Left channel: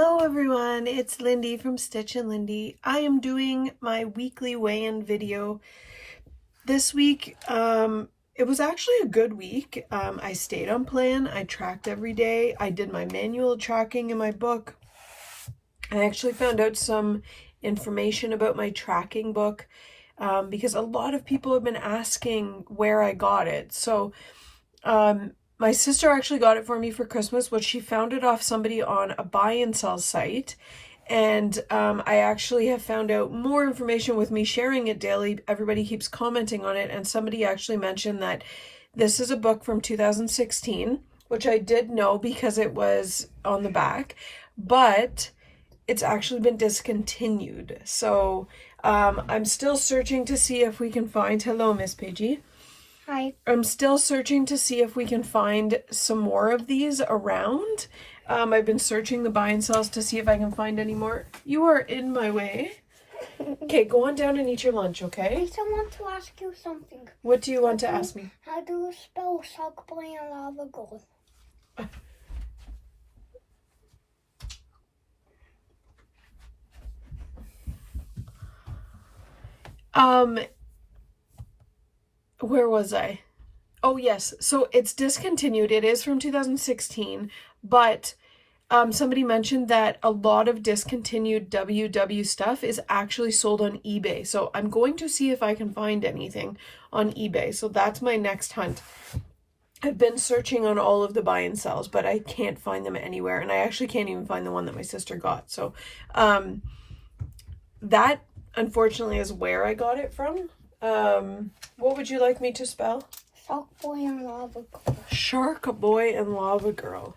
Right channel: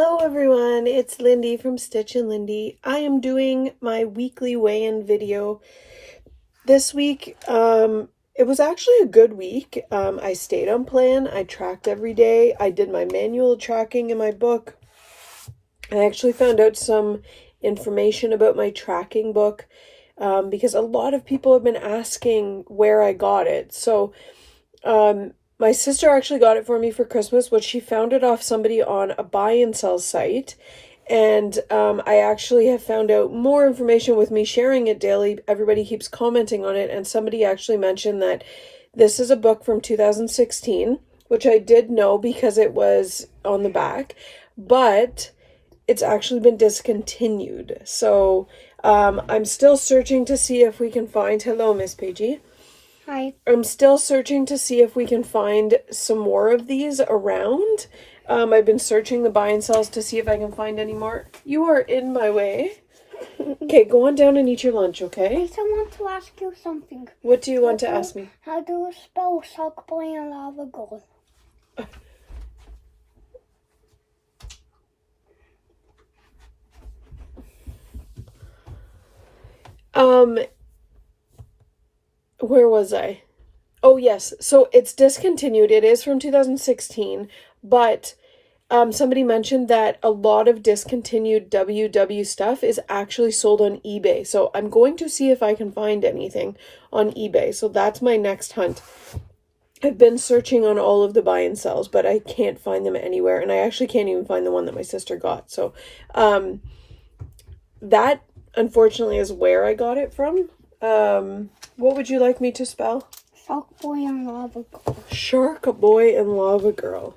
Hello everyone, it's Lindy from Stitch and Lindy. I am doing my weekly weigh-in video. This week, it was actually a good week. I stayed on plan, I tracked every day, I did my manual tracking in my book. I actually found out some information about my tracking book because a lot of people have been asking where I got it. So, my sister actually got it for me for Christmas, which she found it off somebody on a buy and sell site. And I actually have found out more information with me sharing it daily. Everybody keeps commenting on it. And somebody actually mentioned that this is a book from 2016, which I did know because it was on the back. But it's actually been discontinued. So I'm still searching to see if we can find... Hello, Miss Paigey. Hi. I'm still searching to see if we can find some more of these around. I've been searching the buy and sells to see if I can find any more. You are in my way. Okay, go on down and eat your lunch, okay? I just want to ask you something. What do you want to ask me? How do you spell Sock Boy and Lava Girl? Where was I? Oh, yes. So it's discontinued. It is from 2016, but somebody mentioned that a lot of discontinued WW stuff is actually sold on eBay. So I'm going to see if I can find anything on eBay. So that's my next hunt. I've been searching on all of the buy and sells, but I can't find them anywhere. And I actually can't even find the one that my sister got. So that, unfortunately, is where I got it from. What would you like me to spell? Sock Boy and Lava Girl. Shark Boy and Lava Girl.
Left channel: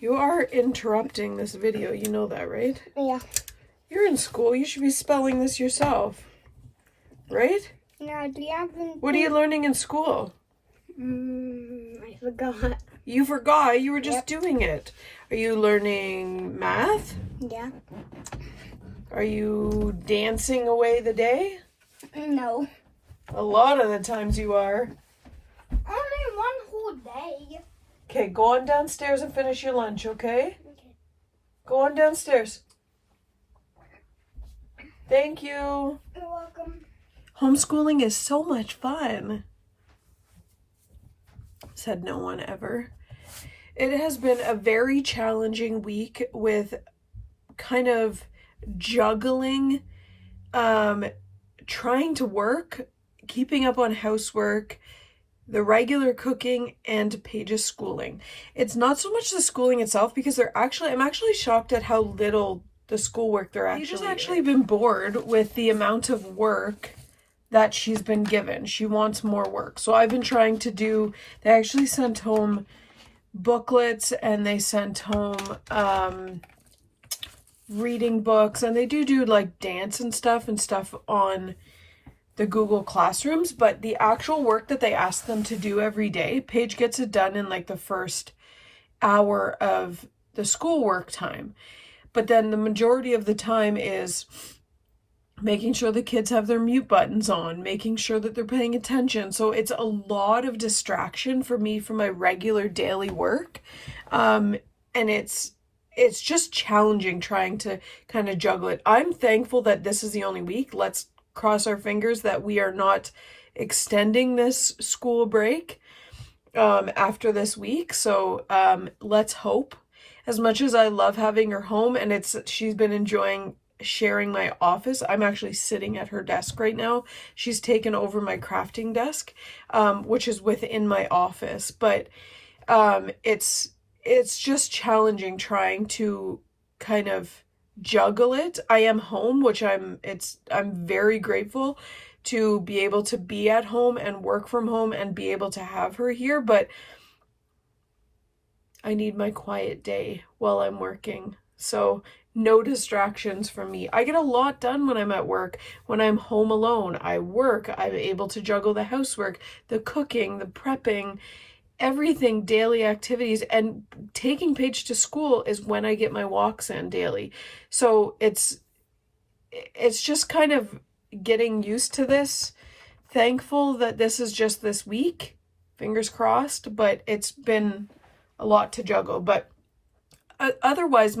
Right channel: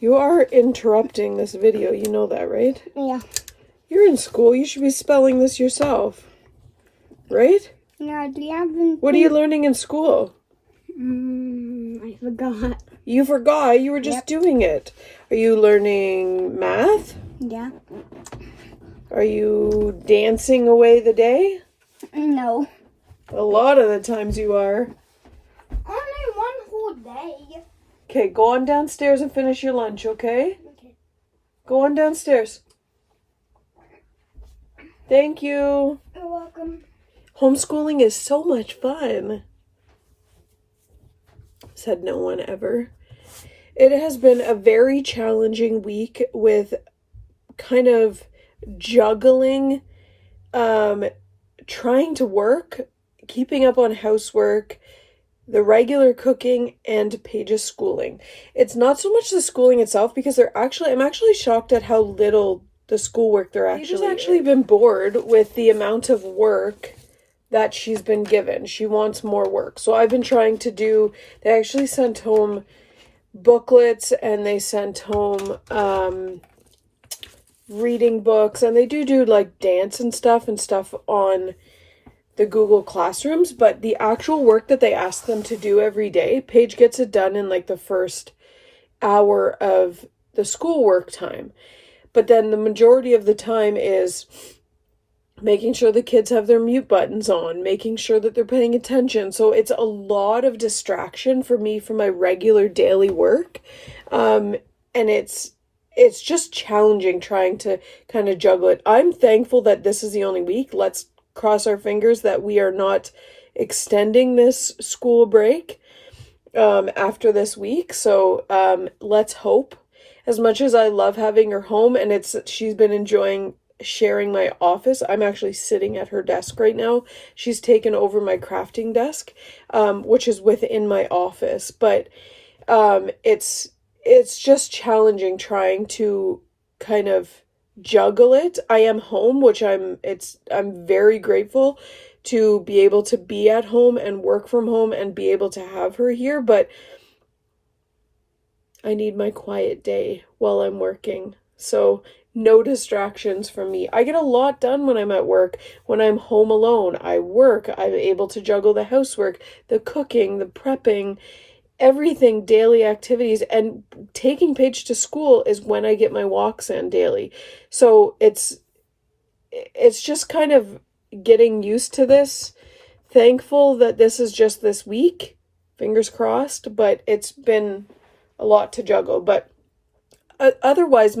You are interrupting this video. You know that, right? Yeah. You're in school. You should be spelling this yourself. Right? Yeah, do you have... What are you learning in school? I forgot. You forgot. You were just doing it. Are you learning math? Yeah. Are you dancing away the day? No. A lot of the times you are. Only one whole day. Okay, go on downstairs and finish your lunch, okay? Okay. Go on downstairs. Thank you. You're welcome. Homeschooling is so much fun. Said no one ever. It has been a very challenging week with kind of juggling, trying to work, keeping up on housework, the regular cooking, and Paige's schooling. It's not so much the schooling itself because I'm actually shocked at how little the schoolwork there actually is. Paige's actually been bored with the amount of work that she's been given. She wants more work. So I've been trying to do, they actually sent home booklets and they sent home reading books, and they do like dance and stuff on the Google Classrooms, but the actual work that they ask them to do every day, Paige gets it done in like the first hour of the schoolwork time. But then the majority of the time is making sure the kids have their mute buttons on, making sure that they're paying attention. So it's a lot of distraction for me from my regular daily work. And it's just challenging trying to kind of juggle it. I'm thankful that this is the only week. Let's cross our fingers that we are not extending this school break after this week. So let's hope. As much as I love having her home, and she's been enjoying sharing my office. I'm actually sitting at her desk right now. She's taken over my crafting desk, which is within my office. But it's just challenging trying to kind of juggle it. I am home, which I'm very grateful to be able to be at home and work from home and be able to have her here, but I need my quiet day while I'm working. So no distractions from me. I get a lot done when I'm at work. When I'm home alone, I work. I'm able to juggle the housework, the cooking, the prepping, everything, daily activities, and taking Paige to school is when I get my walks in daily. So it's just kind of getting used to this. Thankful that this is just this week. Fingers crossed, but it's been a lot to juggle. But otherwise,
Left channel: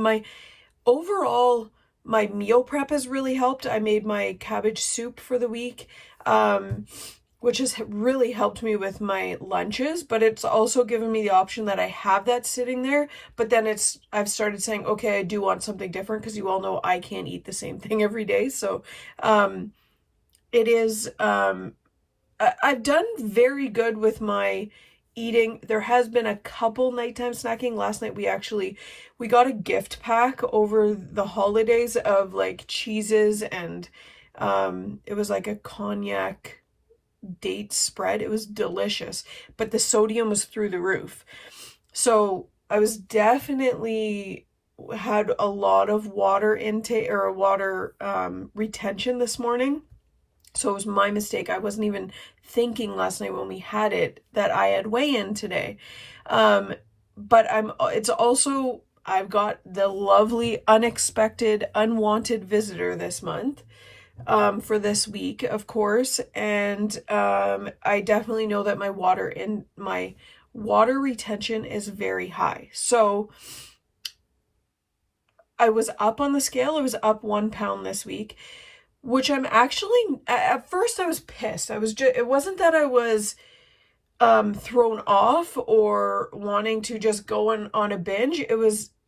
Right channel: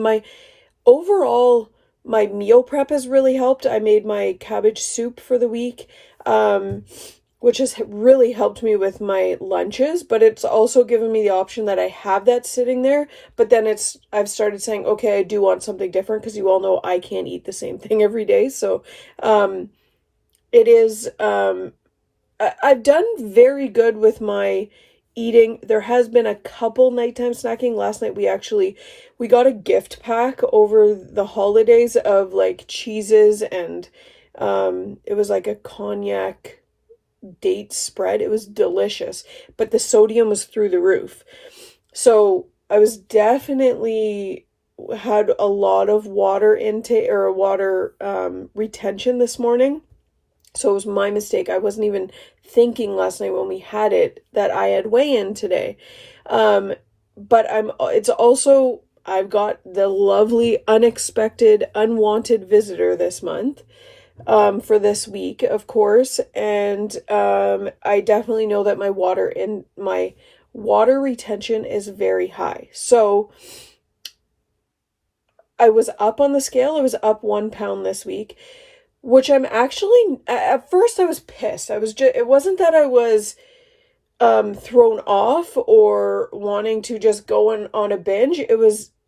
overall, my meal prep has really helped. I made my cabbage soup for the week, which has really helped me with my lunches, but it's also given me the option that I have that sitting there. But then I've started saying, okay, I do want something different, because you all know I can't eat the same thing every day. So it is, I've done very good with my eating. There has been a couple nighttime snacking. Last night we got a gift pack over the holidays of like cheeses, and it was like a cognac date spread. It was delicious, but the sodium was through the roof. So I was definitely had a lot of water intake or water retention this morning. So it was my mistake. I wasn't even thinking last night when we had it that I had weigh-in today. But it's also, I've got the lovely, unexpected, unwanted visitor this month, for this week, of course. And I definitely know that my water retention is very high. So I was up on the scale. I was up 1 pound this week, which I'm actually, at first I was pissed. It wasn't that I was thrown off or wanting to just go on a binge.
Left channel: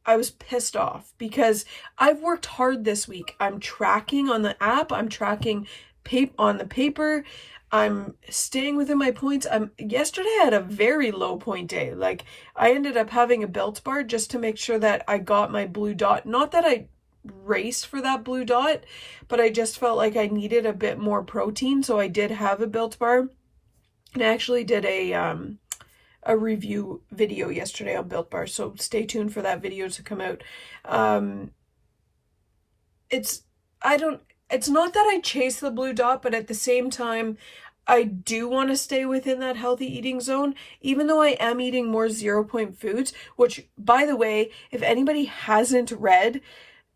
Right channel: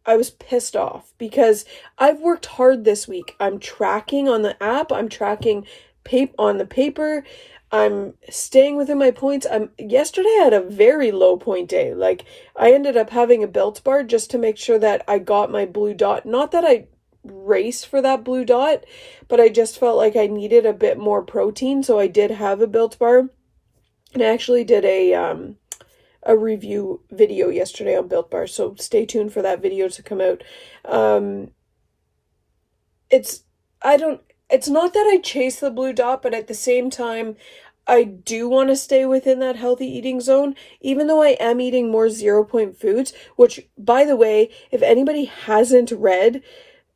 I was pissed off because I've worked hard this week. I'm tracking on the app. I'm tracking on the paper. I'm staying within my points. Yesterday I had a very low point day. Like, I ended up having a Built Bar just to make sure that I got my blue dot. Not that I raced for that blue dot, but I just felt like I needed a bit more protein, so I did have a Built Bar. And I actually did a review video yesterday on Built Bar, so stay tuned for that video to come out. It's not that I chase the blue dot, but at the same time, I do want to stay within that healthy eating zone, even though I am eating more 0 point foods, which, by the way, if anybody hasn't read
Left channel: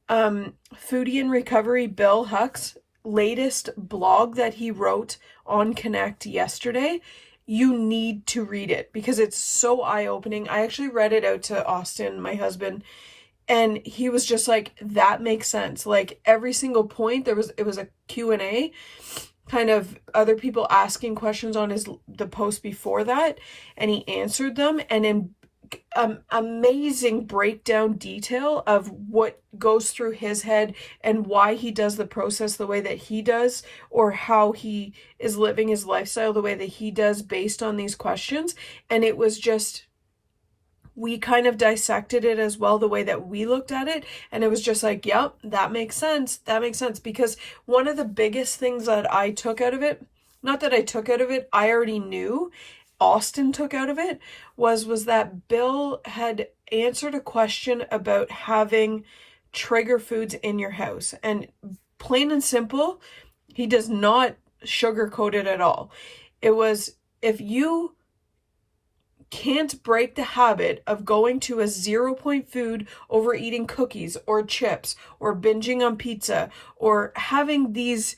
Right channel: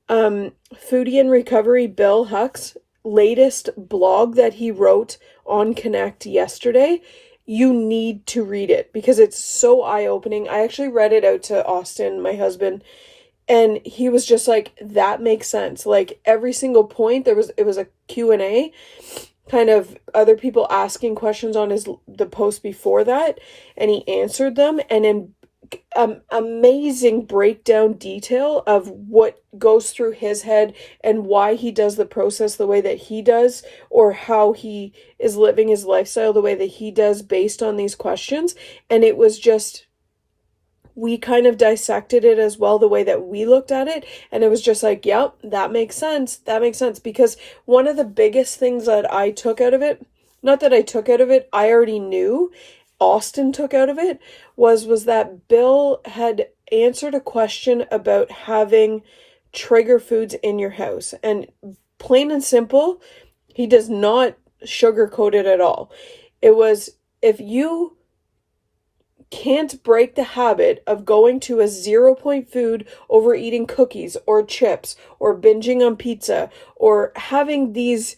Foodie in Recovery, Bill Huck's latest blog that he wrote on Connect yesterday, you need to read it because it's so eye-opening. I actually read it out to Austin, my husband, and he was just like, that makes sense. Like, every single point, it was a Q&A, kind of other people asking questions on the post before that, and he answered them, and in amazing breakdown detail of what goes through his head and why he does the process the way that he does, or how he is living his lifestyle the way that he does based on these questions. And it was just, we kind of dissected it as well, the way that we looked at it, and it was just like, yep, that makes sense. That makes sense. Because one of the biggest things that I took out of it, not that I took out of it, I already knew, Austin took out of it, was that Bill had answered a question about having trigger foods in your house. And plain and simple, he does not sugarcoat it at all. It was, if you can't break the habit of going to a 0 point food over eating cookies or chips or binging on pizza or having these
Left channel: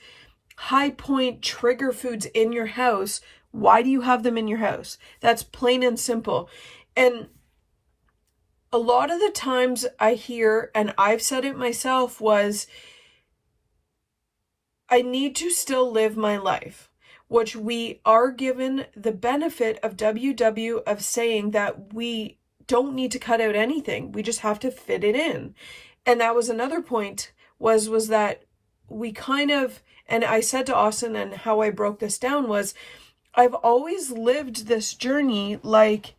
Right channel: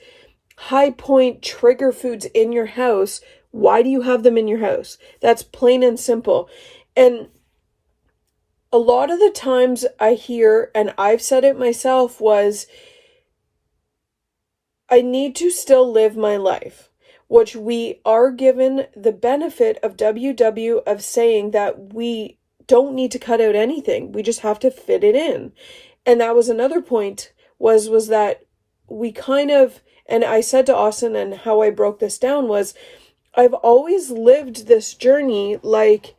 high point trigger foods in your house, why do you have them in your house? That's plain and simple. And a lot of the times I hear, and I've said it myself, was I need to still live my life, which we are given the benefit of WW of saying that we don't need to cut out anything. We just have to fit it in. And that was another point, was that we kind of, and I said to Austin, and how I broke this down was, I've always lived this journey like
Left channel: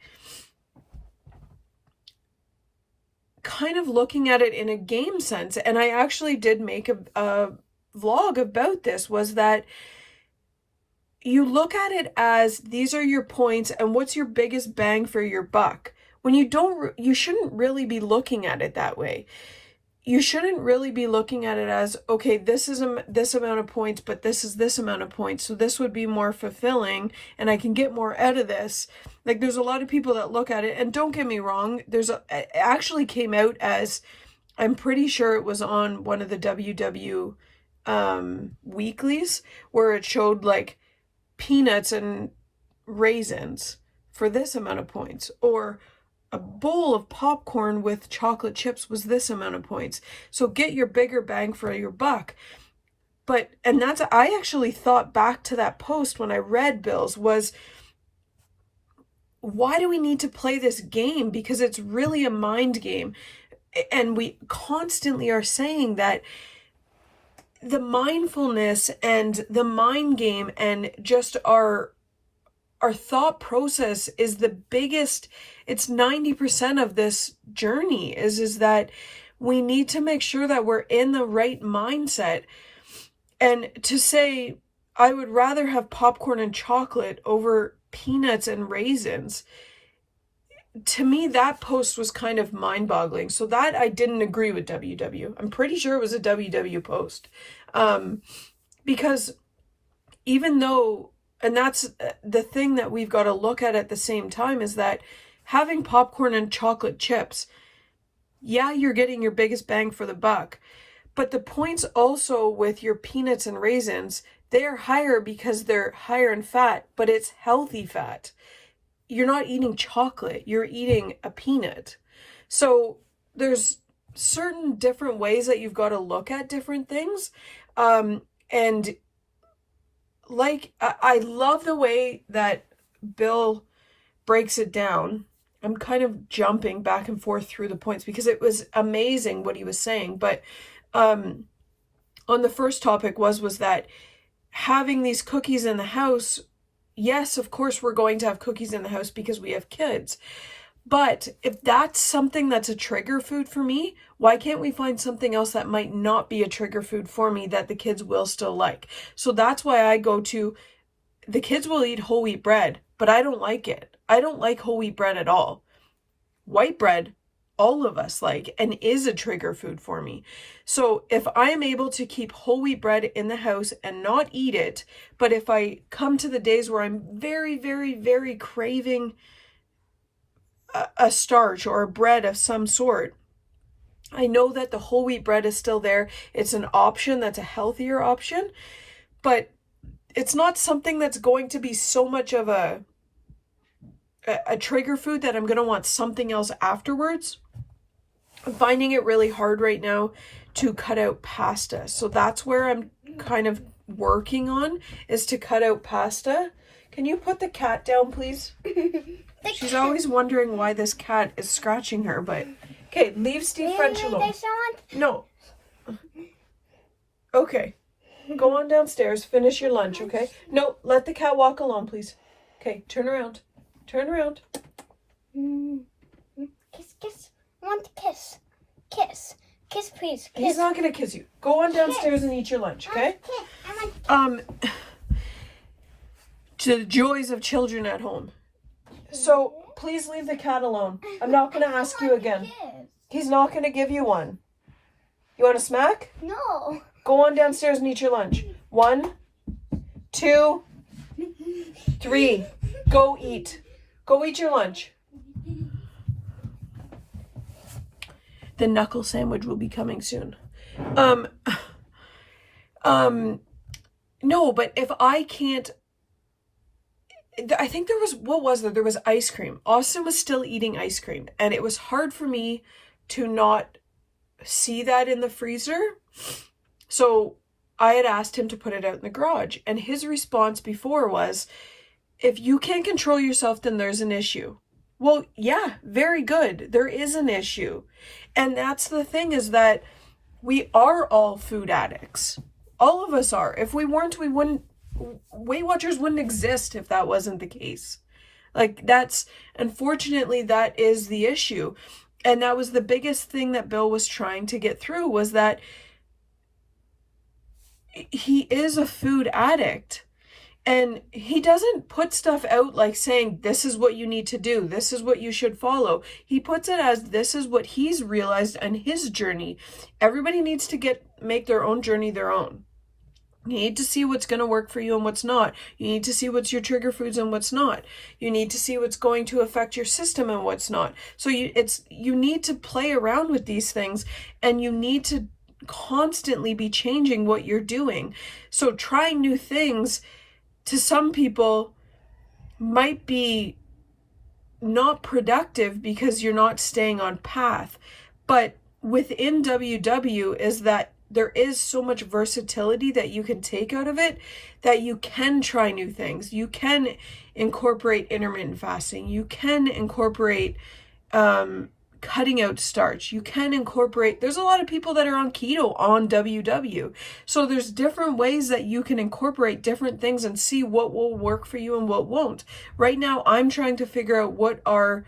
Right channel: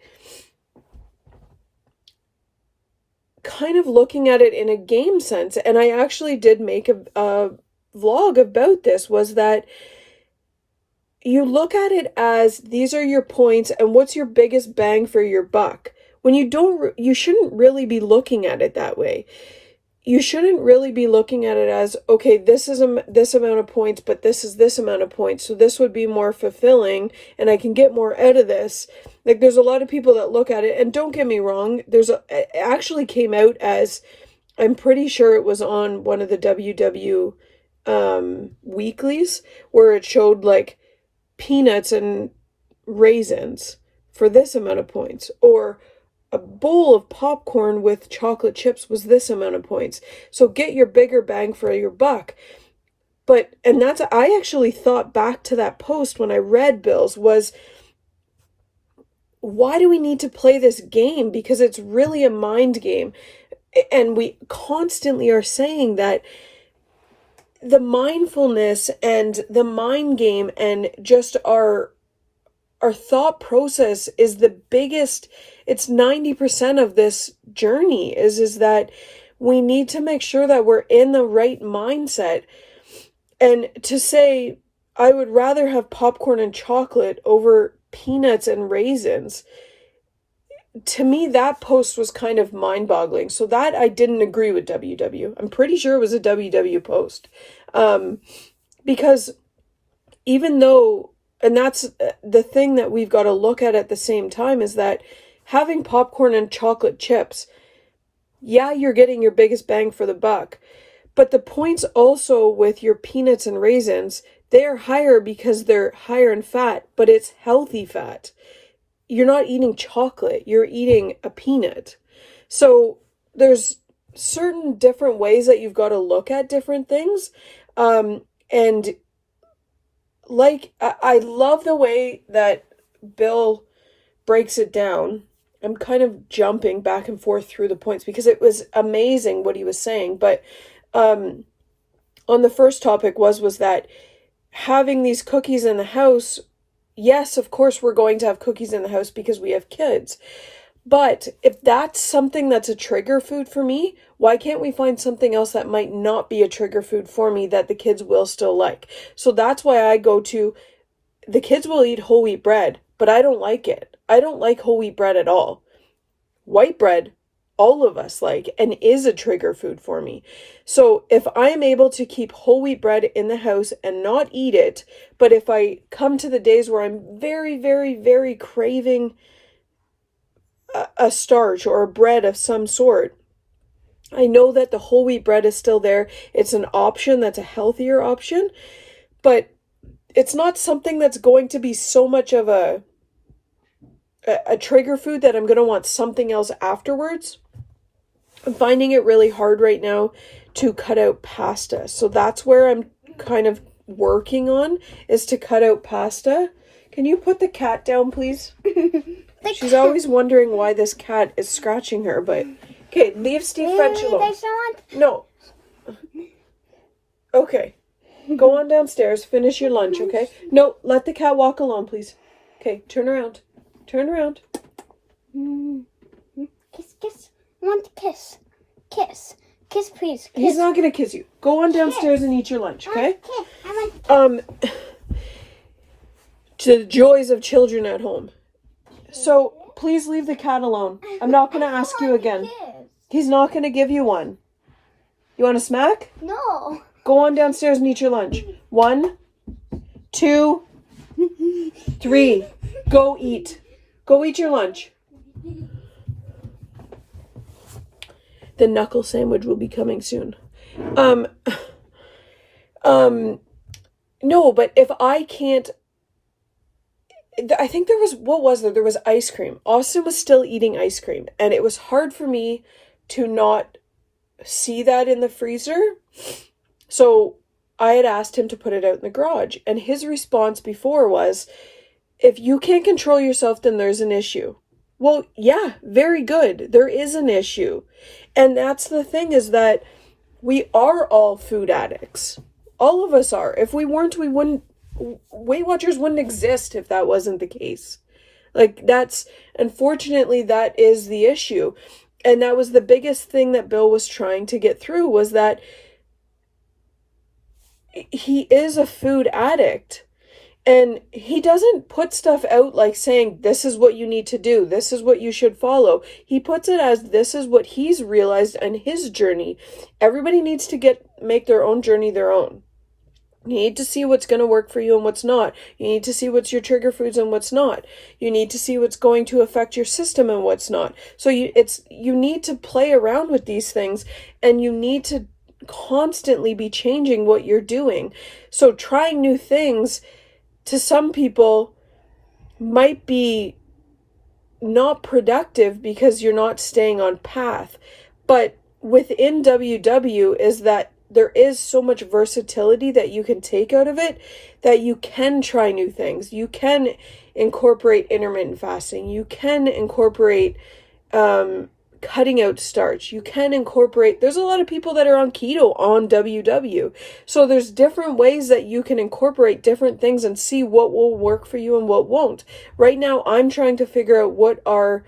kind of looking at it in a game sense. And I actually did make a vlog about this, was that you look at it as these are your points and what's your biggest bang for your buck. When you shouldn't really be looking at it that way. You shouldn't really be looking at it as, okay, this is this amount of points, but this is this amount of points, so this would be more fulfilling and I can get more out of this. Like, there's a lot of people that look at it, and don't get me wrong, it actually came out as, I'm pretty sure it was on one of the WW weeklies, where it showed like peanuts and raisins for this amount of points, or a bowl of popcorn with chocolate chips was this amount of points. So get your bigger bang for your buck. But, and that's, I actually thought back to that post when I read Bill's was, why do we need to play this game? Because it's really a mind game. And we constantly are saying that the mindfulness and the mind game and just our thought process is the biggest, it's 90% of this journey is that we need to make sure that we're in the right mindset. And to say, I would rather have popcorn and chocolate over peanuts and raisins, to me, that post was kind of mind-boggling. So that I didn't agree with WW. I'm pretty sure it was a WW post. Because even though, and that's the thing that we've got to look at the same time, is that having popcorn and chocolate chips, yeah, you're getting your biggest bang for the buck. But the points also with your peanuts and raisins, they are higher because they're higher in fat, but it's healthy fat. You're not eating chocolate, you're eating a peanut. So there's certain different ways that you've got to look at different things. And like, I love the way that Bill breaks it down. I'm kind of jumping back and forth through the points because it was amazing what he was saying. But on the first topic was that having these cookies in the house, yes, of course we're going to have cookies in the house because we have kids. But if that's something that's a trigger food for me, why can't we find something else that might not be a trigger food for me that the kids will still like? So that's why I go to, the kids will eat whole wheat bread, but I don't like it. I don't like whole wheat bread at all. White bread, all of us like, and is a trigger food for me. So if I am able to keep whole wheat bread in the house and not eat it, but if I come to the days where I'm very, very, very craving a starch or a bread of some sort, I know that the whole wheat bread is still there. It's an option that's a healthier option, but it's not something that's going to be so much of a trigger food that I'm going to want something else afterwards. I'm finding it really hard right now to cut out pasta. So that's where I'm kind of working on, is to cut out pasta. Can you put the cat down, please? She's always wondering why this cat is scratching her, but okay, leave Steve French alone. No. Okay. Go on downstairs, finish your lunch, okay? No, let the cat walk alone, please. Okay, turn around. Turn around. Kiss, kiss. I want to kiss. Kiss. Kiss, please. Kiss. He's not gonna kiss you. Go on downstairs and eat your lunch, okay? To the joys of children at home. So please leave the cat alone. I'm not gonna ask you again. He's not gonna give you one. You want a smack? No. Go on downstairs and eat your lunch. 1, 2, 3. Go eat. Go eat your lunch. The knuckle sandwich will be coming soon. No, but if I can't, I think there was, what was there? There was ice cream. Austin was still eating ice cream, and it was hard for me to not see that in the freezer. So I had asked him to put it out in the garage, and his response before was, if you can't control yourself, then there's an issue. Well, yeah, very good. There is an issue. And that's the thing, is that we are all food addicts. All of us are. If we weren't, we wouldn't, Weight Watchers wouldn't exist if that wasn't the case. Like, that's, unfortunately, that is the issue. And that was the biggest thing that Bill was trying to get through, was that he is a food addict. And he doesn't put stuff out like saying, this is what you need to do, this is what you should follow. He puts it as, this is what he's realized in his journey. Everybody needs to make their own journey their own. You need to see what's going to work for you and what's not. You need to see what's your trigger foods and what's not. You need to see what's going to affect your system and what's not. So you need to play around with these things, and you need to constantly be changing what you're doing. So trying new things, to some people, might be not productive because you're not staying on path. But within WW is that there is so much versatility that you can take out of it, that you can try new things. You can incorporate intermittent fasting. You can incorporate cutting out starch. You can incorporate, there's a lot of people that are on keto on WW. So there's different ways that you can incorporate different things and see what will work for you and what won't. Right now, I'm trying to figure out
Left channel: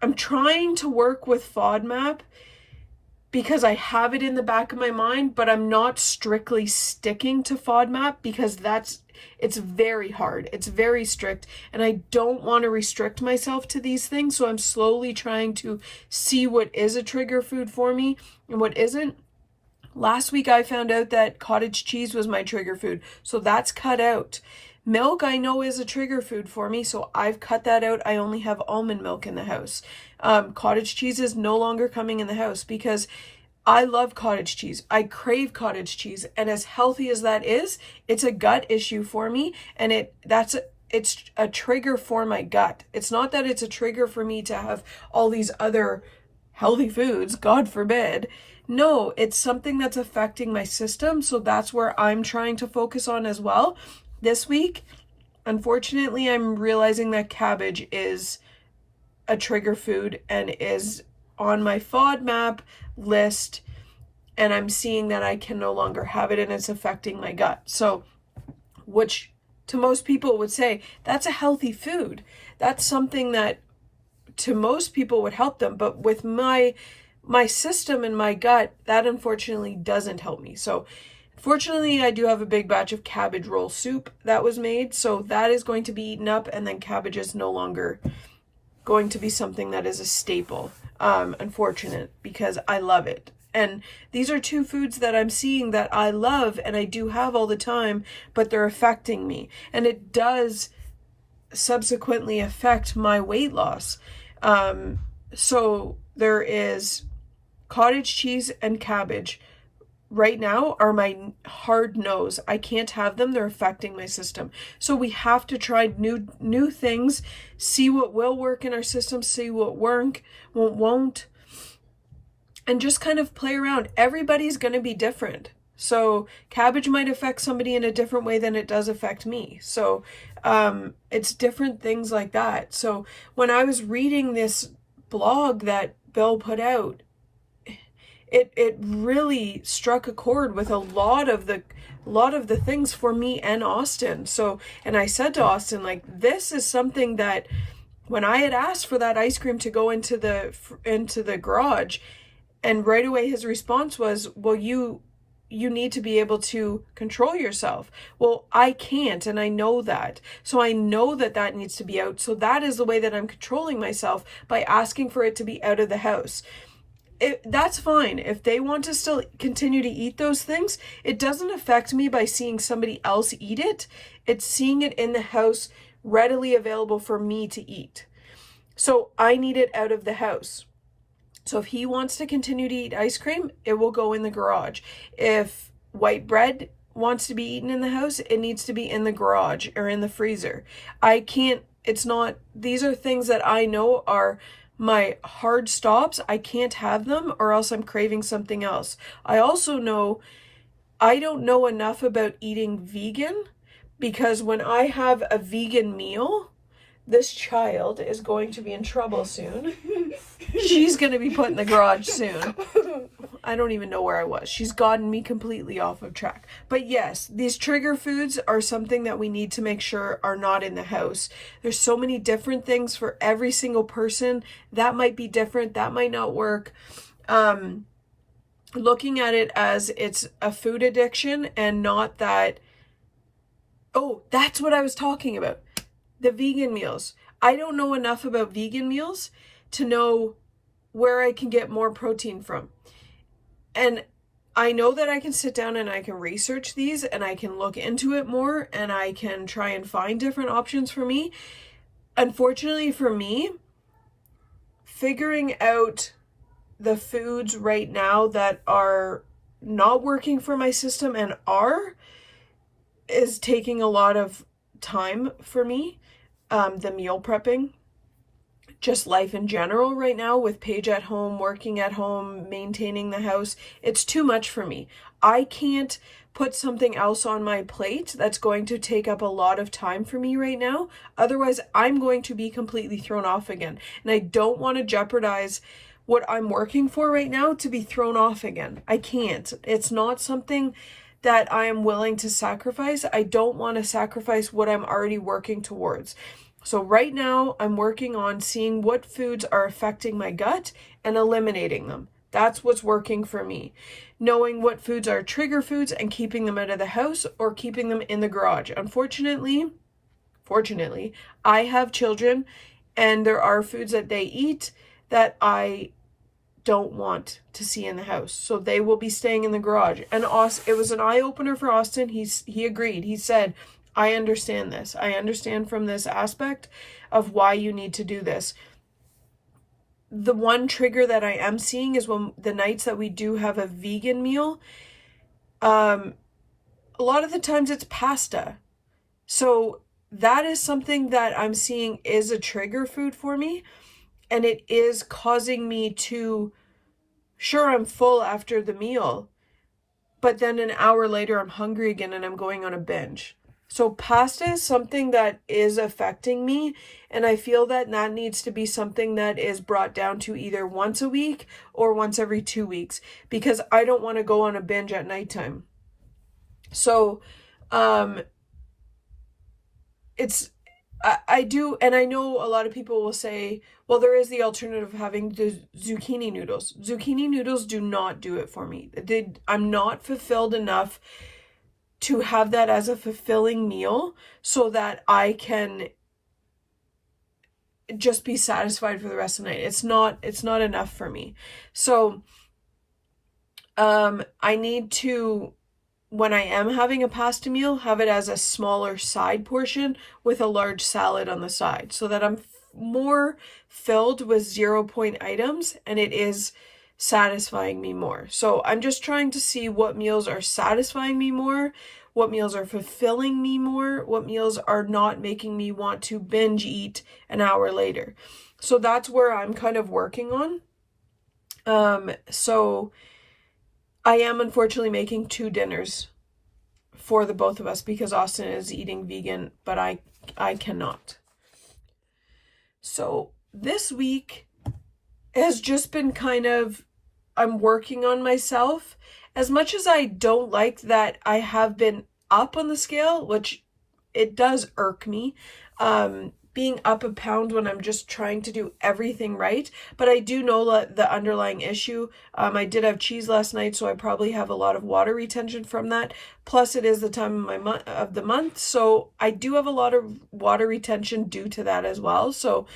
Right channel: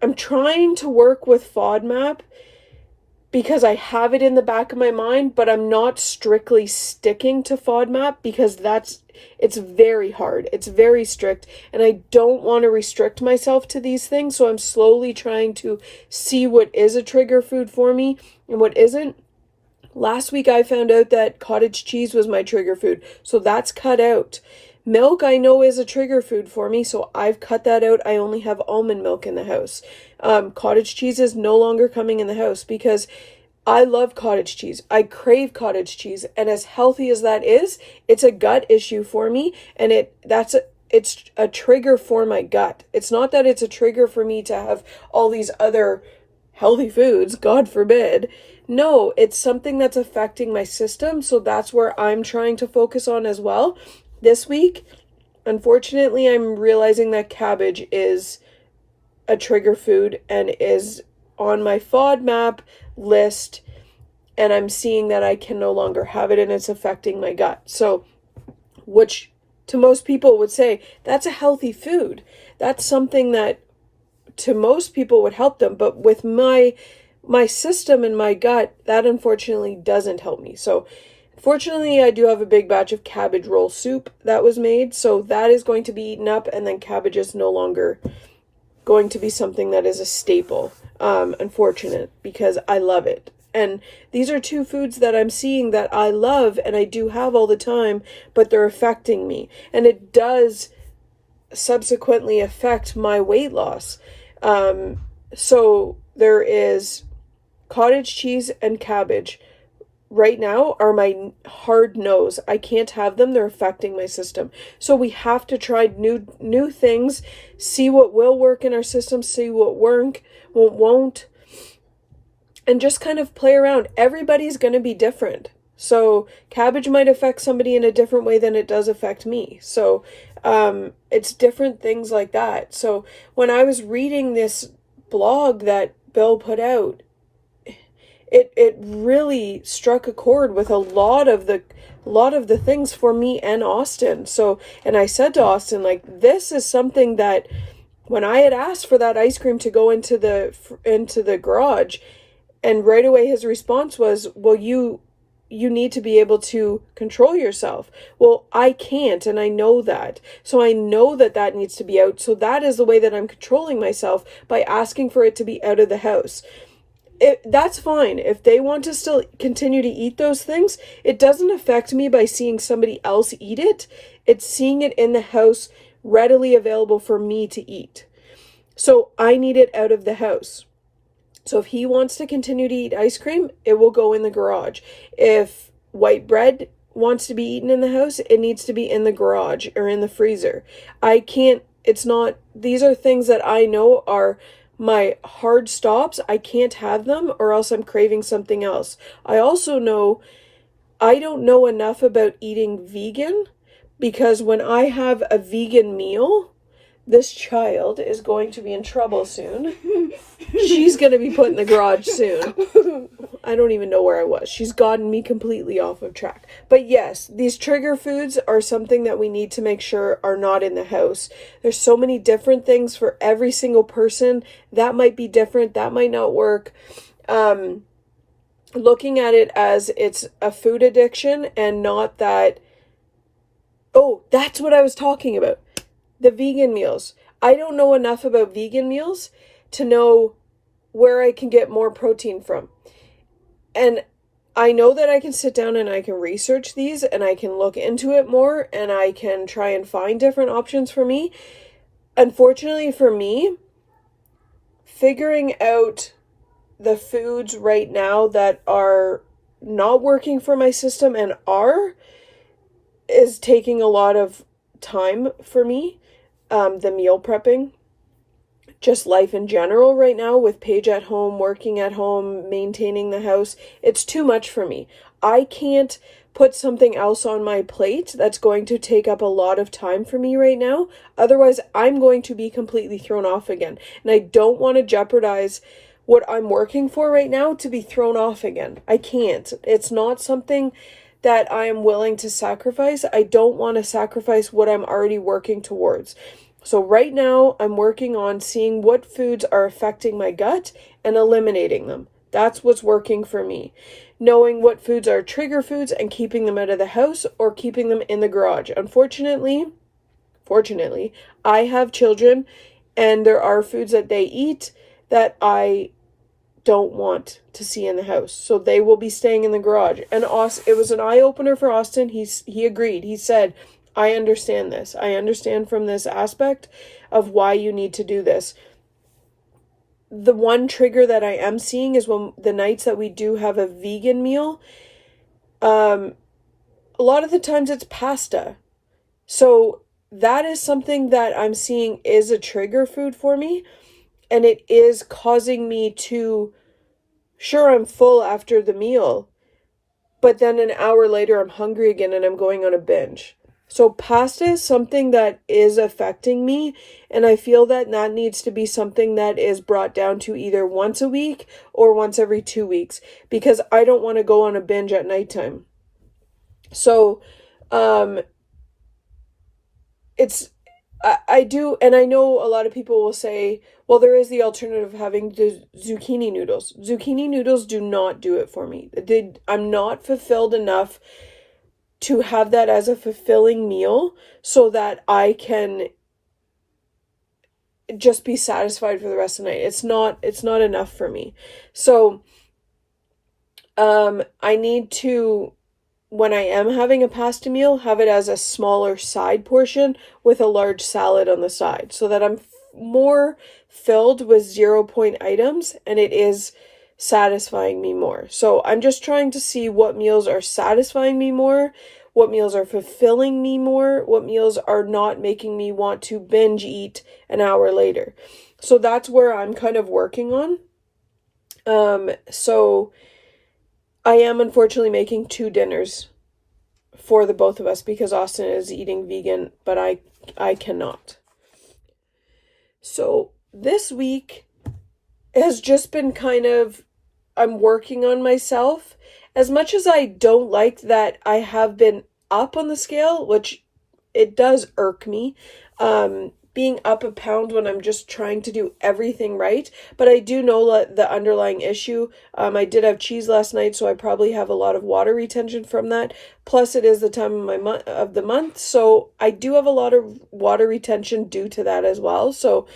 I'm trying to work with FODMAP because I have it in the back of my mind, but I'm not strictly sticking to FODMAP because it's very hard. It's very strict, and I don't want to restrict myself to these things. So I'm slowly trying to see what is a trigger food for me and what isn't. Last week I found out that cottage cheese was my trigger food, so that's cut out. Milk I know is a trigger food for me, so I've cut that out. I only have almond milk in the house. Cottage cheese is no longer coming in the house because I love cottage cheese. I crave cottage cheese, and as healthy as that is, it's a gut issue for me, and it's a trigger for my gut. It's not that it's a trigger for me to have all these other healthy foods, God forbid. No, it's something that's affecting my system, so that's where I'm trying to focus on as well. This week, unfortunately, I'm realizing that cabbage is a trigger food and is on my FODMAP list, and I'm seeing that I can no longer have it and it's affecting my gut. So, which to most people would say, that's a healthy food. That's something that to most people would help them. But with my system and my gut, that unfortunately doesn't help me. So, fortunately, I do have a big batch of cabbage roll soup that was made. So that is going to be eaten up, and then cabbage is no longer going to be something that is a staple. Unfortunate, because I love it. And these are two foods that I'm seeing that I love and I do have all the time, but they're affecting me. And it does subsequently affect my weight loss. So there is cottage cheese and cabbage right now are my hard no's. I can't have them. They're affecting my system. So we have to try new things, see what will work in our system, see what won't, and just kind of play around. Everybody's going to be different. So cabbage might affect somebody in a different way than it does affect me. So it's different things like that. So when I was reading this blog that Bill put out, it really struck a chord with a lot of the things for me and Austin. So, and I said to Austin, like, this is something that when I had asked for that ice cream to go into the garage, and right away his response was, well, you need to be able to control yourself. Well, I can't, and I know that. So I know that needs to be out. So that is the way that I'm controlling myself, by asking for it to be out of the house. That's fine. If they want to still continue to eat those things, it doesn't affect me by seeing somebody else eat it. It's seeing it in the house readily available for me to eat. So I need it out of the house. So if he wants to continue to eat ice cream, it will go in the garage. If white bread wants to be eaten in the house, it needs to be in the garage or in the freezer. These are things that I know are my hard stops. I can't have them, or else I'm craving something else. I also know I don't know enough about eating vegan, because when I have a vegan meal, this child is going to be in trouble soon. She's going to be put in the garage soon. I don't even know where I was. She's gotten me completely off of track. But yes, these trigger foods are something that we need to make sure are not in the house. There's so many different things for every single person. That might be different. That might not work. Looking at it as it's a food addiction and not that... Oh, that's what I was talking about. The vegan meals. I don't know enough about vegan meals to know where I can get more protein from. And I know that I can sit down and I can research these and I can look into it more and I can try and find different options for me. Unfortunately for me, figuring out the foods right now that are not working for my system and is taking a lot of time for me. The meal prepping. just life in general right now with Paige at home, working at home, maintaining the house. It's too much for me. I can't put something else on my plate that's going to take up a lot of time for me right now. Otherwise, I'm going to be completely thrown off again. And I don't want to jeopardize what I'm working for right now to be thrown off again. I can't. It's not something that I am willing to sacrifice. I don't want to sacrifice what I'm already working towards. So right now, I'm working on seeing what foods are affecting my gut and eliminating them. That's what's working for me. Knowing what foods are trigger foods and keeping them out of the house or keeping them in the garage. Fortunately, I have children, and there are foods that they eat that I don't want to see in the house. So they will be staying in the garage. And it was an eye-opener for Austin. He agreed. He said, I understand this. I understand from this aspect of why you need to do this. The one trigger that I am seeing is when the nights that we do have a vegan meal, a lot of the times it's pasta. So that is something that I'm seeing is a trigger food for me. And it is causing me to, sure, I'm full after the meal, but then an hour later I'm hungry again and I'm going on a binge. So pasta is something that is affecting me, and I feel that needs to be something that is brought down to either once a week or once every 2 weeks, because I don't want to go on a binge at nighttime. So, I do, and I know a lot of people will say, well, there is the alternative of having the zucchini noodles. Zucchini noodles do not do it for me. I'm not fulfilled enough to have that as a fulfilling meal so that I can just be satisfied for the rest of the night. It's not enough for me. So I need to, when I am having a pasta meal, have it as a smaller side portion with a large salad on the side so that I'm more filled with 0-point items and it is satisfying me more. So I'm just trying to see what meals are satisfying me more, what meals are fulfilling me more, what meals are not making me want to binge eat an hour later. So that's where I'm kind of working on. So I am unfortunately making 2 dinners for the both of us because Austin is eating vegan, but I cannot. So this week has just been kind of, I'm working on myself. As much as I don't like that I have been up on the scale, which it does irk me, being up a pound when I'm just trying to do everything right. But I do know the underlying issue. I did have cheese last night, so I probably have a lot of water retention from that. Plus, it is the time of the month, so I do have a lot of water retention due to that as well. So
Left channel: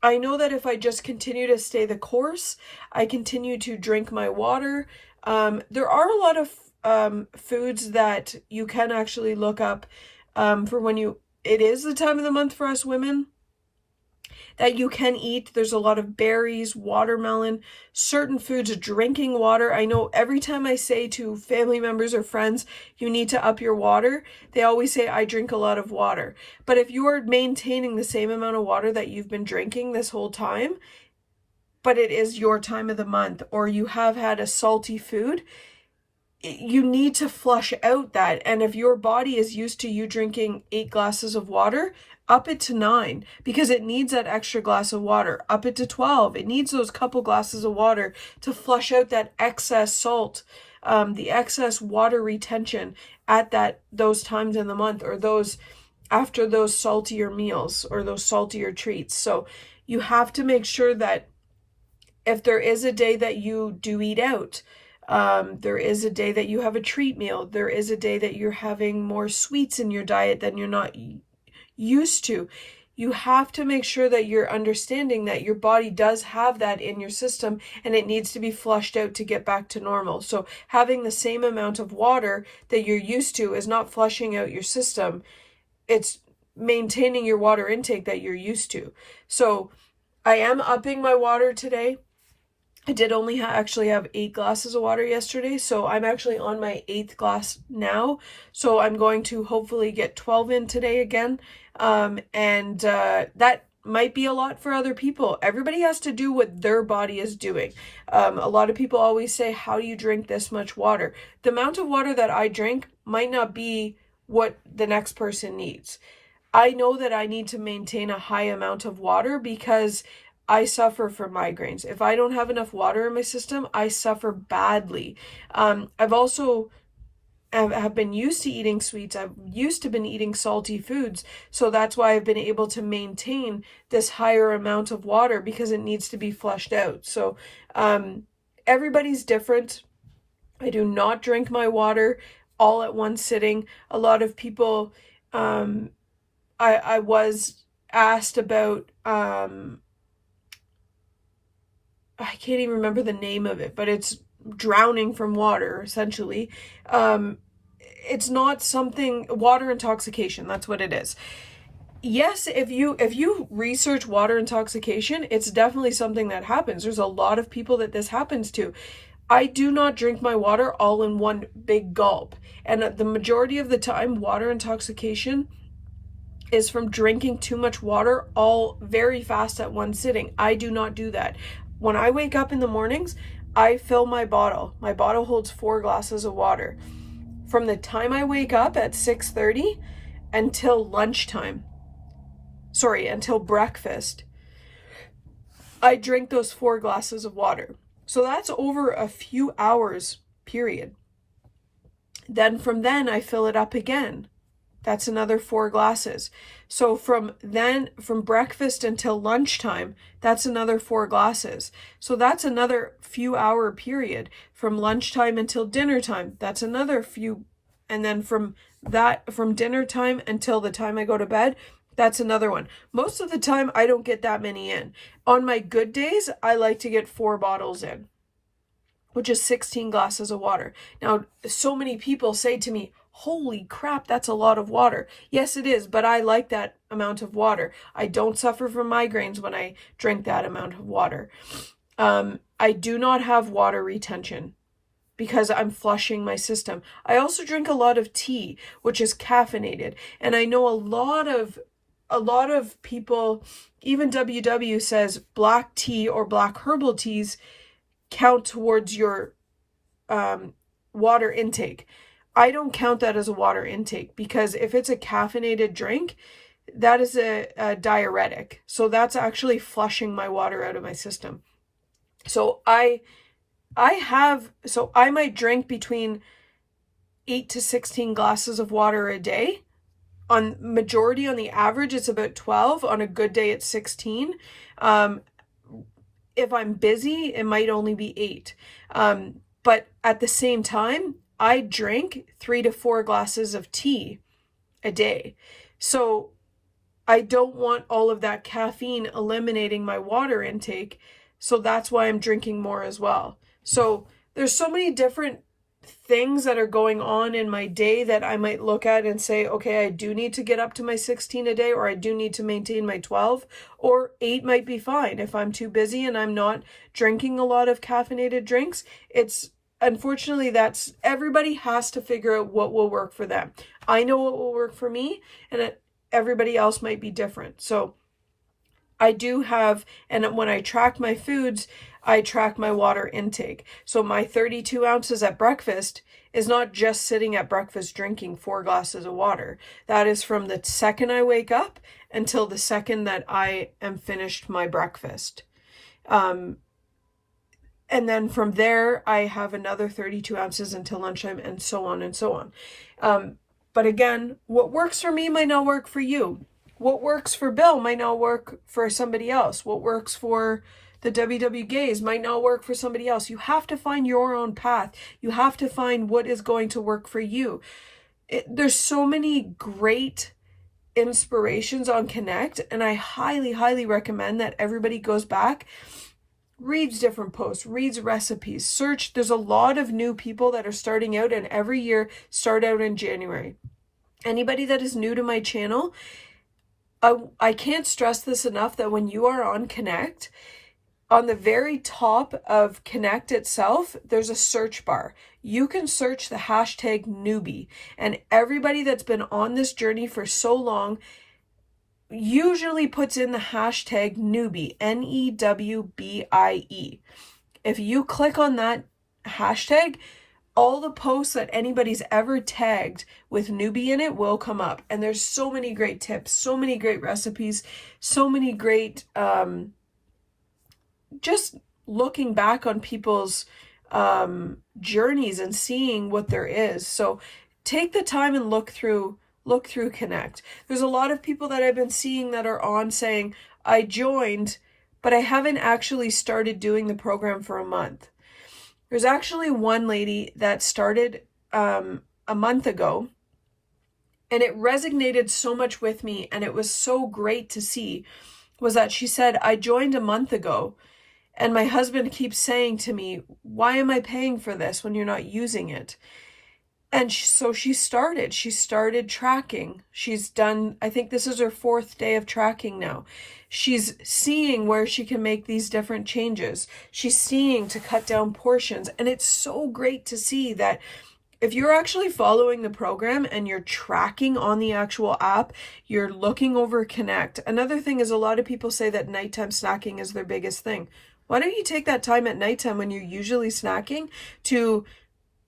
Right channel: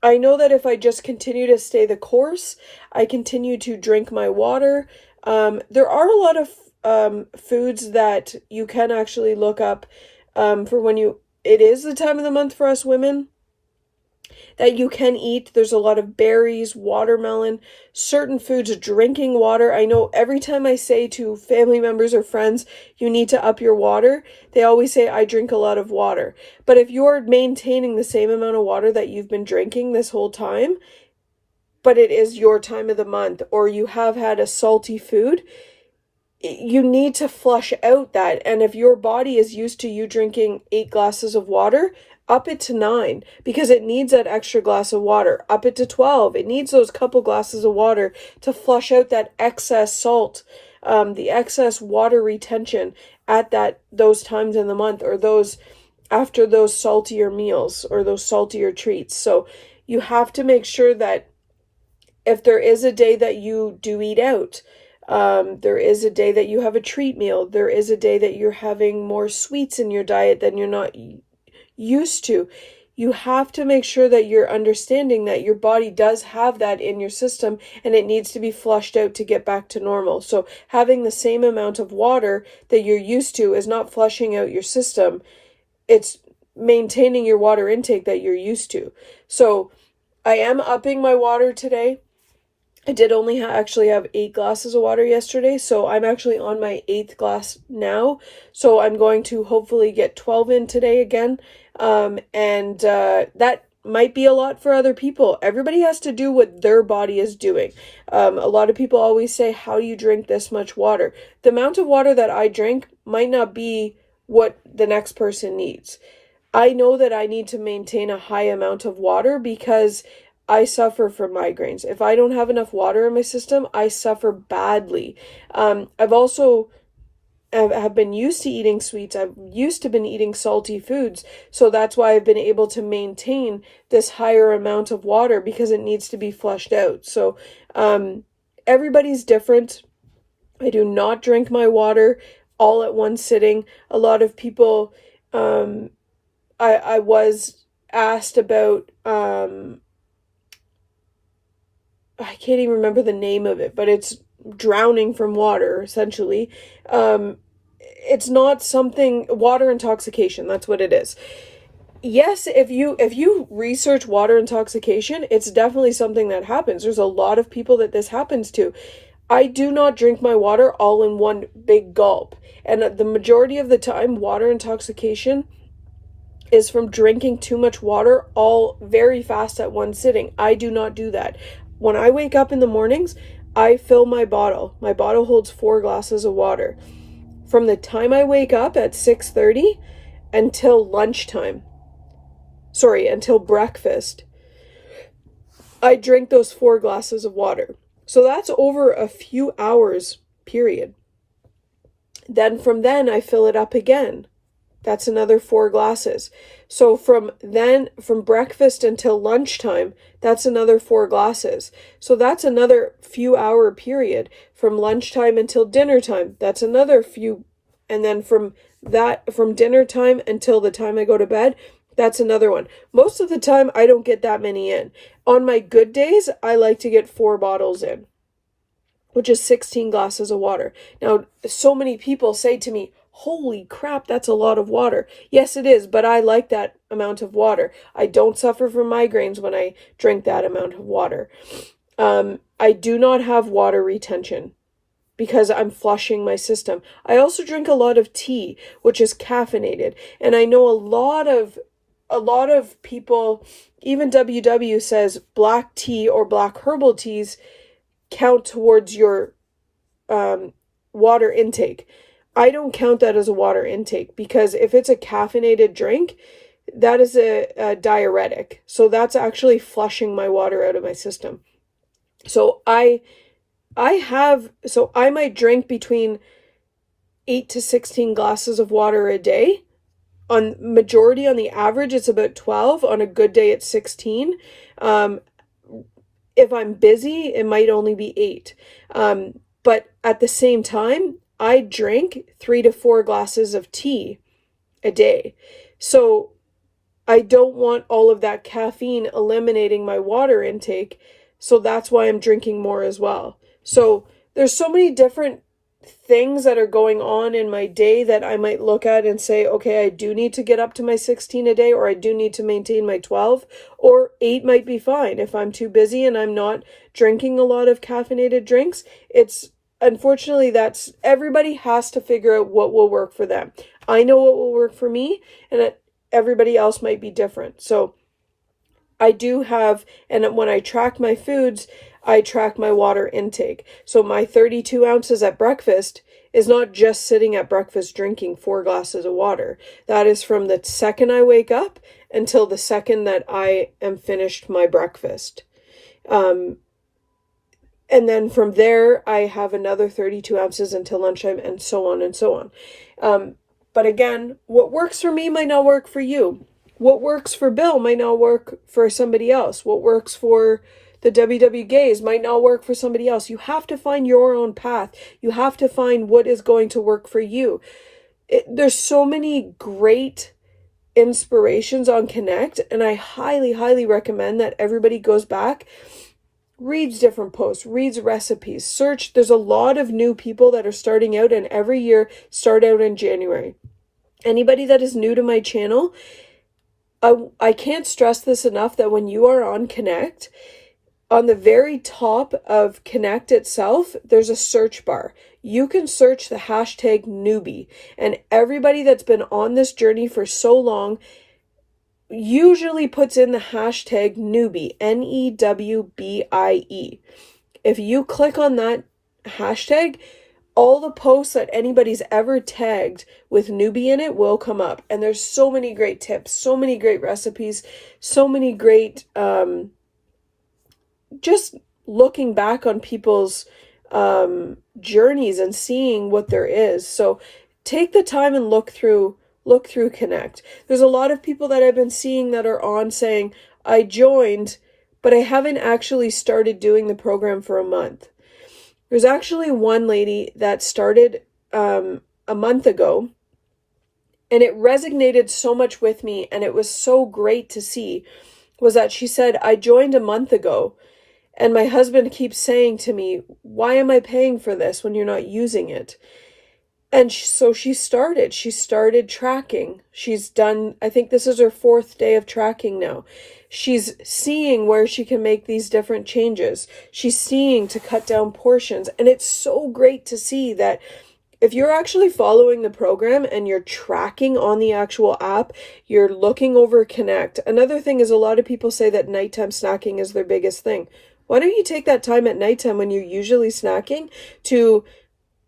I know that if I just continue to stay the course, I continue to drink my water. There are a lot of foods that you can actually look up for when it is the time of the month for us women that you can eat. There's a lot of berries, watermelon, certain foods, drinking water. I know every time I say to family members or friends, you need to up your water, they always say I drink a lot of water. But if you're maintaining the same amount of water that you've been drinking this whole time, but it is your time of the month, or you have had a salty food, you need to flush out that. And if your body is used to you drinking 8 glasses of water, up it to 9 because it needs that extra glass of water. Up it to 12. It needs those couple glasses of water to flush out that excess salt, the excess water retention at those times in the month, or those after those saltier meals or those saltier treats. So you have to make sure that if there is a day that you do eat out, there is a day that you have a treat meal, there is a day that you're having more sweets in your diet than you're not used to, you have to make sure that you're understanding that your body does have that in your system and it needs to be flushed out to get back to normal. So having the same amount of water that you're used to is not flushing out your system. It's maintaining your water intake that you're used to. So I am upping my water today. I did only actually have 8 glasses of water yesterday, so I'm actually on my 8th glass now. So I'm going to hopefully get 12 in today again. And that might be a lot for other people. Everybody has to do what their body is doing. A lot of people always say, how do you drink this much water? The amount of water that I drink might not be what the next person needs. I know that I need to maintain a high amount of water because I suffer from migraines. If I don't have enough water in my system, I suffer badly. I've also have been used to eating sweets. I've used to been eating salty foods. So that's why I've been able to maintain this higher amount of water because it needs to be flushed out. So everybody's different. I do not drink my water all at one sitting. A lot of people, I was asked about, I can't even remember the name of it, but it's drowning from water, essentially. It's not something, water intoxication, that's what it is. Yes, if you research water intoxication, it's definitely something that happens. There's a lot of people that this happens to. I do not drink my water all in one big gulp. And the majority of the time, water intoxication is from drinking too much water all very fast at one sitting. I do not do that. When I wake up in the mornings, I fill my bottle. My bottle holds 4 glasses of water. From the time I wake up at 6:30 until until breakfast, I drink those 4 glasses of water. So that's over a few hours, period. Then from then I fill it up again. That's another 4 glasses. So from breakfast until lunchtime, that's another 4 glasses. So that's another few hour period. From lunchtime until dinner time, that's another few. And then from dinner time until the time I go to bed, that's another one. Most of the time, I don't get that many in. On my good days, I like to get 4 bottles in, which is 16 glasses of water. Now, so many people say to me, holy crap, that's a lot of water. Yes, it is, but I like that amount of water. I don't suffer from migraines when I drink that amount of water. I do not have water retention because I'm flushing my system. I also drink a lot of tea, which is caffeinated. And I know a lot of people, even WW says black tea or black herbal teas count towards your water intake. I don't count that as a water intake because if it's a caffeinated drink, that is a diuretic. So that's actually flushing my water out of my system. So I might drink between 8 to 16 glasses of water a day. On the average, it's about 12. On a good day, it's 16. If I'm busy, it might only be 8. But at the same time, I drink 3 to 4 glasses of tea a day. So I don't want all of that caffeine eliminating my water intake. So that's why I'm drinking more as well. So there's so many different things that are going on in my day that I might look at and say, okay, I do need to get up to my 16 a day, or I do need to maintain my 12, or 8 might be fine. If I'm too busy and I'm not drinking a lot of caffeinated drinks, unfortunately, everybody has to figure out what will work for them. I know what will work for me, and everybody else might be different. So I do have, and when I track my foods, I track my water intake. So my 32 ounces at breakfast is not just sitting at breakfast drinking 4 glasses of water. That is from the second I wake up until the second that I am finished my breakfast. And then from there, I have another 32 ounces until lunchtime, and so on and so on. But again, what works for me might not work for you. What works for Bill might not work for somebody else. What works for the WW gays might not work for somebody else. You have to find your own path. You have to find what is going to work for you. There's so many great inspirations on Connect, and I highly, highly recommend that everybody goes back, reads different posts, reads recipes, search. There's a lot of new people that are starting out, and every year start out in January. Anybody that is new to my channel, I can't stress this enough that when you are on Connect, on the very top of Connect itself, there's a search bar. You can search the hashtag newbie, and everybody that's been on this journey for so long, usually puts in the hashtag newbie, NEWBIE. If you click on that hashtag, all the posts that anybody's ever tagged with newbie in it will come up. And there's so many great tips, so many great recipes, so many great, just looking back on people's journeys and seeing what there is. So take the time and look through Connect. There's a lot of people that I've been seeing that are on saying, I joined, but I haven't actually started doing the program for a month. There's actually one lady that started a month ago, and it resonated so much with me, and it was so great to see, was that she said, I joined a month ago, and my husband keeps saying to me, why am I paying for this when you're not using it? And so she started tracking. She's done, I think this is her 4th day of tracking now. She's seeing where she can make these different changes. She's seeing to cut down portions. And it's so great to see that if you're actually following the program and you're tracking on the actual app, you're looking over Connect. Another thing is a lot of people say that nighttime snacking is their biggest thing. Why don't you take that time at nighttime when you're usually snacking to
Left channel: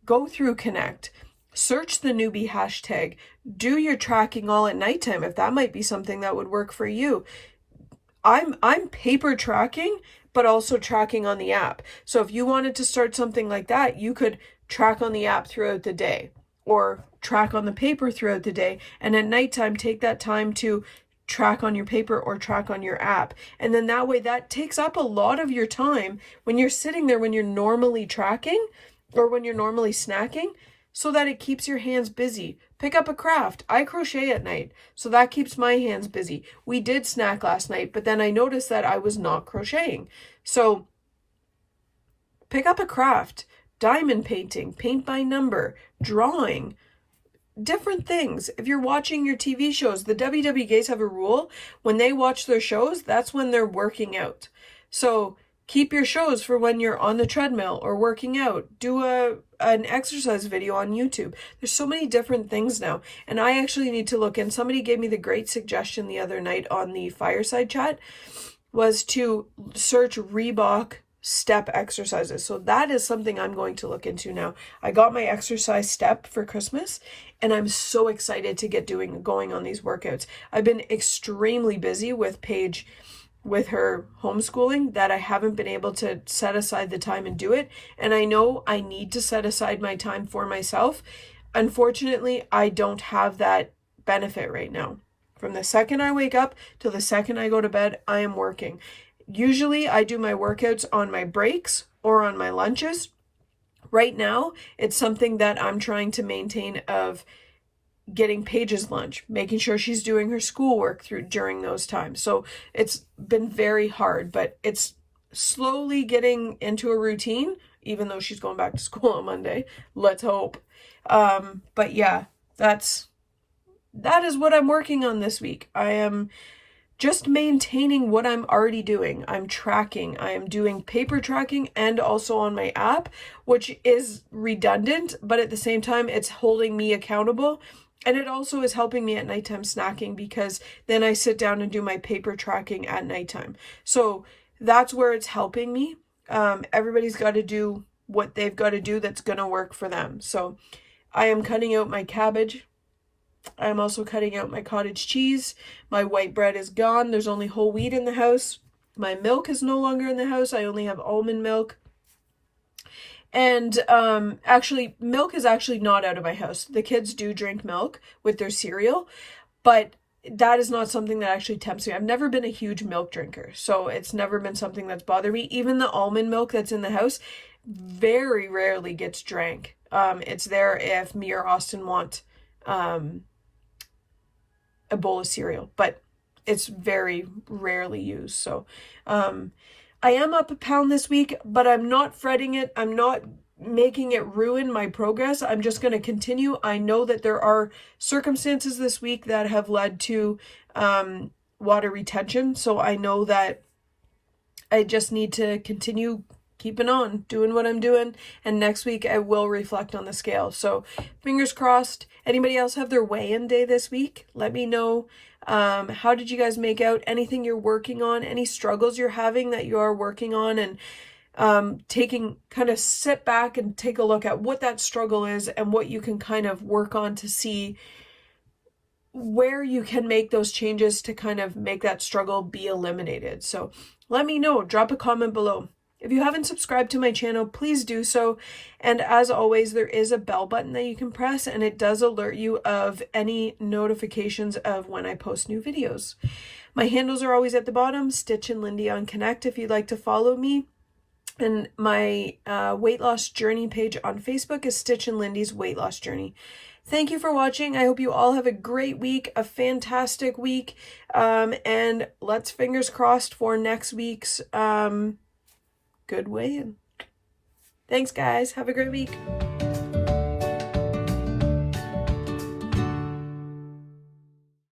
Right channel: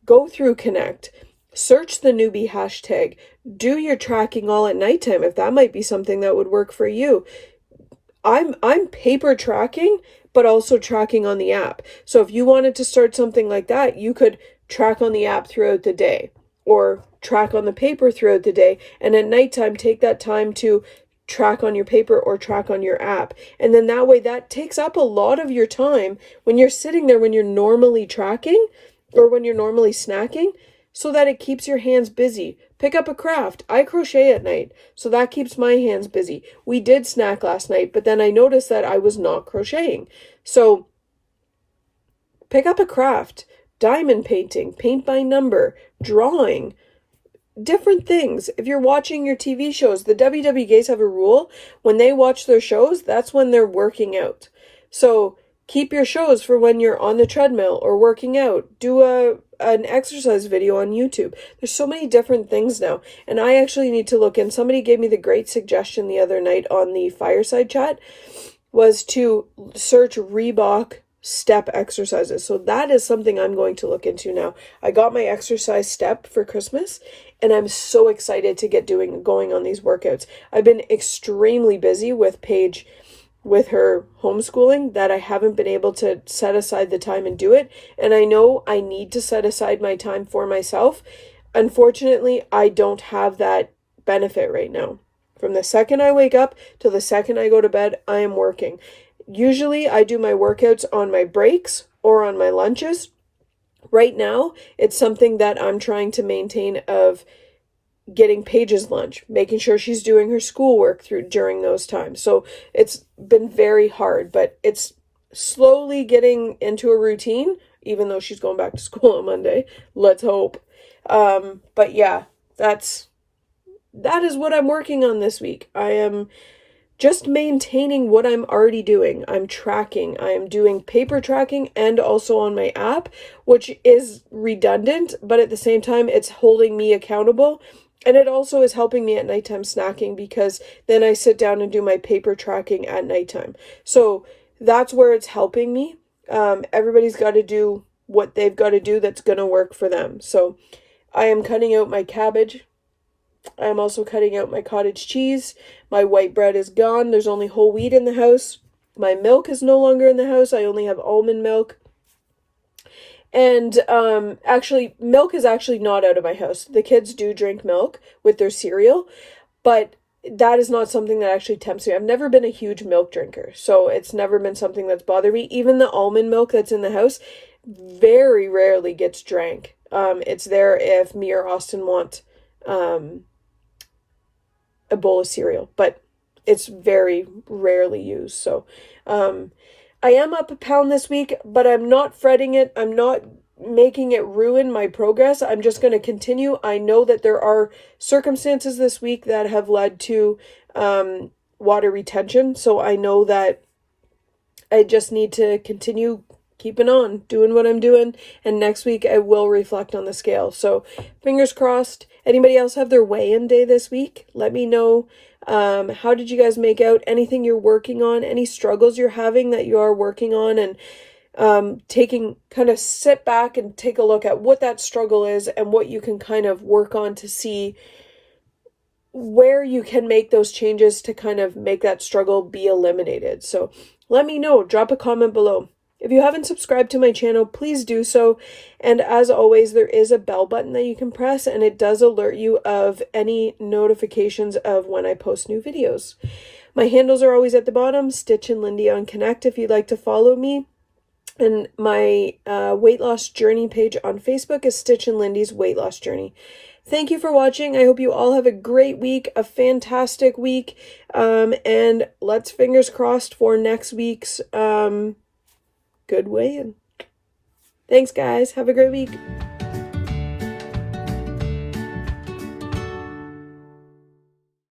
go through Connect? Search the newbie hashtag. Do your tracking all at nighttime if that might be something that would work for you. I'm paper tracking, but also tracking on the app. So if you wanted to start something like that, you could track on the app throughout the day or track on the paper throughout the day. And at nighttime, take that time to track on your paper or track on your app. And then that way that takes up a lot of your time when you're sitting there, when you're normally tracking or when you're normally snacking, so that it keeps your hands busy. Pick up a craft. I crochet at night, so that keeps my hands busy. We did snack last night, but then I noticed that I was not crocheting. So pick up a craft. Diamond painting, paint by number, drawing, different things. If you're watching your TV shows, the WWGays have a rule. When they watch their shows, that's when they're working out. So keep your shows for when you're on the treadmill or working out. Do an exercise video on YouTube. There's so many different things now. And I actually need to look in. Somebody gave me the great suggestion the other night on the fireside chat was to search Reebok step exercises. So that is something I'm going to look into now. I got my exercise step for Christmas and I'm so excited to get going on these workouts. I've been extremely busy with Paige with her homeschooling that I haven't been able to set aside the time and do it. And I know I need to set aside my time for myself. Unfortunately, I don't have that benefit right now. From the second I wake up till the second I go to bed, I am working. Usually I do my workouts on my breaks or on my lunches. Right now, it's something that I'm trying to maintain of getting Paige's lunch, making sure she's doing her schoolwork during those times. So it's been very hard, but it's slowly getting into a routine, even though she's going back to school on Monday. Let's hope. But yeah, that is what I'm working on this week. I am just maintaining what I'm already doing. I'm tracking. I am doing paper tracking and also on my app, which is redundant, but at the same time, it's holding me accountable. And it also is helping me at nighttime snacking because then I sit down and do my paper tracking at nighttime. So that's where it's helping me. Everybody's got to do what they've got to do that's going to work for them. So I am cutting out my cabbage. I am also cutting out my cottage cheese. My white bread is gone. There's only whole wheat in the house. My milk is no longer in the house. I only have almond milk. And actually, milk is actually not out of my house. The kids do drink milk with their cereal, but that is not something that actually tempts me. I've never been a huge milk drinker, so it's never been something that's bothered me. Even the almond milk that's in the house very rarely gets drank. It's there if me or Austin want a bowl of cereal, but it's very rarely used. So I am up a pound this week, but I'm not fretting it. I'm not making it ruin my progress. I'm just going to continue. I know that there are circumstances this week that have led to water retention. So I know that I just need to continue keeping on, doing what I'm doing, and next week I will reflect on the scale. So fingers crossed. Anybody else have their weigh-in day this week? Let me know. How did you guys make out? Anything you're working on? Any struggles you're having that you are working on? And kind of sit back and take a look at what that struggle is and what you can kind of work on to see where you can make those changes to kind of make that struggle be eliminated. So let me know. Drop a comment below. If you haven't subscribed to my channel, please do so. And as always, there is a bell button that you can press, and it does alert you of any notifications of when I post new videos. My handles are always at the bottom, Stitch and Lindy on Connect if you'd like to follow me. And my weight loss journey page on Facebook is Stitch and Lindy's Weight Loss Journey. Thank you for watching. I hope you all have a great week, a fantastic week, and let's fingers crossed for next week's good weigh-in. Thanks, guys. Have a great week.